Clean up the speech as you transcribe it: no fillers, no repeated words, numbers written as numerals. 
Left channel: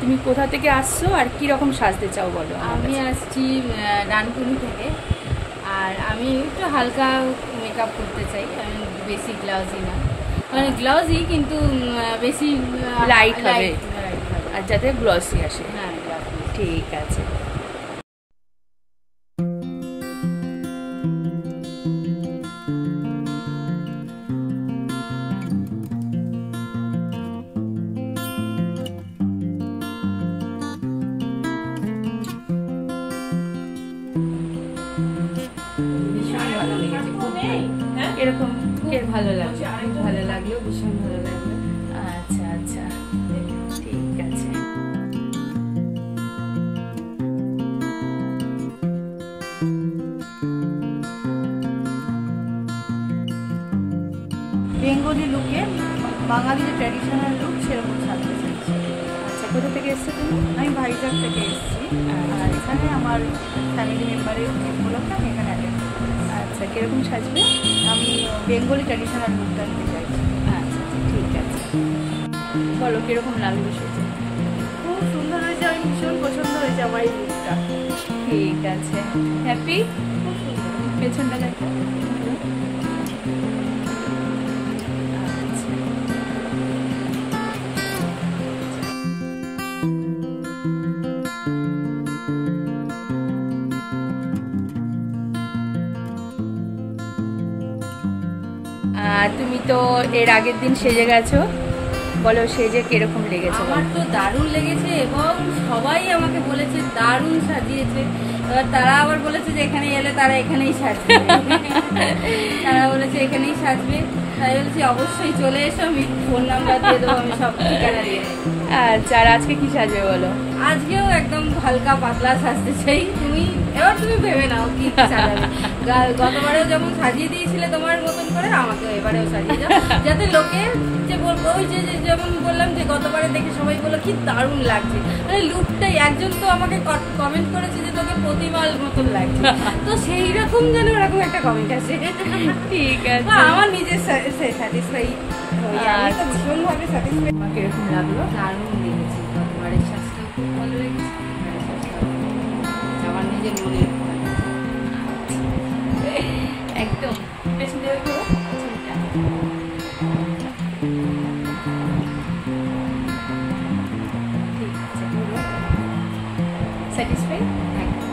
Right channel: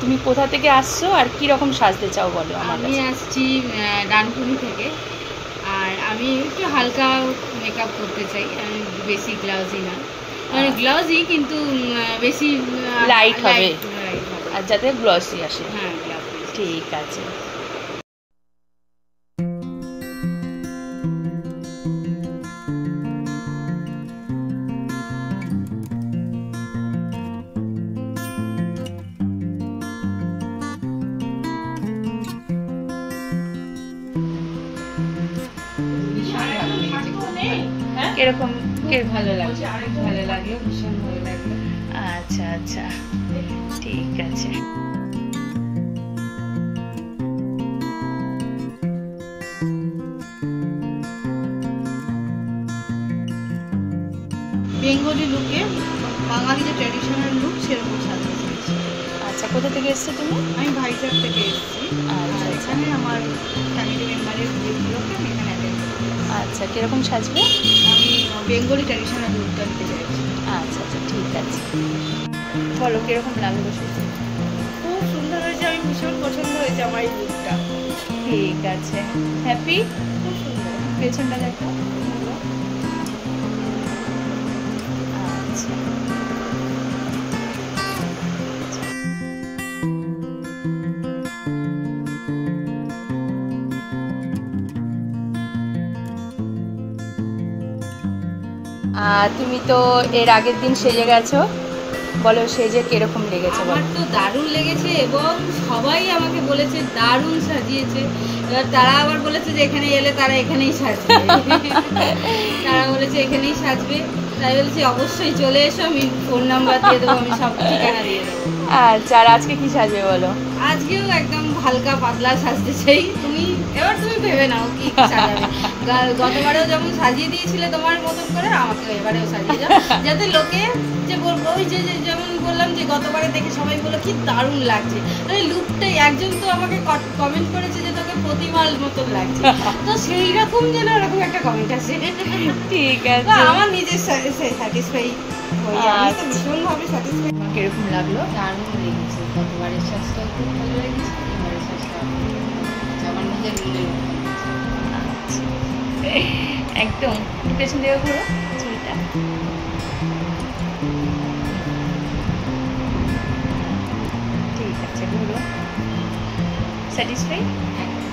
তুমি কোথা থেকে আসছো আর কি রকম সাজতে চাও বলো? আমি আসছি ডানকুনি থেকে, আর আমি একটু হালকা মেকআপ করতে চাই। আমি বেশি গ্লাউজি না, মানে গ্লাউজি কিন্তু বেশি লাইট হবে, লাইট হবে আর যাতে গ্লসি আসে। হ্যাঁ, গ্লাউজি। ঠিক আছে। ভীষণ ভালো লেগেছে, খুব কিরকম? ভালো লাগলো, খুব ভালো লাগলো, ভীষণ ভালো লাগলো। আচ্ছা আচ্ছা, ঠিক আছে। বেঙ্গলি লুকে, বাঙালি যে ট্র্যাডিশনাল লুক সেরকম সাজতে চাইছি। আচ্ছা, কোথা থেকে এসছো তুমি? আমি ভাইজাগ থেকে এসেছি, আচ্ছা, আর এখানে আমার ফ্যামিলি মেম্বারের বিয়ে উপলক্ষে আমি এখানে অ্যাটেন্ড করতে এসেছি। আচ্ছা, কিরকম সাজবে? আমি বেঙ্গলি ট্র্যাডিশনাল লুকটা নিতে চাইছি। আচ্ছা আচ্ছা, ঠিক আছে। বলো কিরকম লাগলো সেটা? খুব সুন্দর হয়েছে, আমি ভীষণ পছন্দ হয়েছে আমার এই লুকটা। ঠিক আছে, হ্যাপি? খুব সুন্দর। পেছনটা দেখো। আচ্ছা, তুমি তো এর আগের দিন সেজে গেছো, বলো সেজে কিরকম লেগেছে? আমার তো দারুণ লেগেছে, এবং সবাই আমাকে বলেছে দারুণ সাজিয়েছে। এবার তারা আবার বলেছে যে এখানে এলে তারা এখানেই সাজবে। তারা বলেছে এখানেই সাজবে, তাই বলেছি অবশ্যই চলে এসো, আমি ফোন নাম্বার দিয়ে দেবো, আমি সব ঠিকানা দিয়ে দেবো। আচ্ছা, আর আজকে কি সাজবে বলো? আজকেও একদম হালকা পাতলা সাজতে চাই। এবার তুমি ভেবে নাও কি সাজাবে। গতবারেও যেমন সাজিয়ে দিয়েছিলে তোমার মতন করে, আমাকেও এবারেও সাজিয়ে যাও, যাতে লোকে যে বলবো, ওই যে যেমন বললাম যে গতবারে দেখে সবাই বললো কি দারুণ লাগছে, মানে লুকটাই। একজন তো আমাকে কমেন্ট করেছে যে তোকে প্রতিমার মতন লাগছে, তো সেই রকম যেন এরকম একটা কমেন্ট আসে। ঠিক আছে, আমার নিজের স্যাটিসফাই হয়ে যায়, আমি তো ভীষণভাবে স্যাটিসফাই। আমার কিরকম লাগলো? দারুণ লেগেছে, গতবারের সাজটাও খুব ভালো লেগেছে, এবারের সাজটাও আমার খুব ভালো লেগেছে, আমার নিজের মনের মতন লেগেছে। আচ্ছা, একদম পেছন থেকে ঘুরো চুলটা। ঠিক আছে, ঘুরো। স্যাটিসফাই? একদম।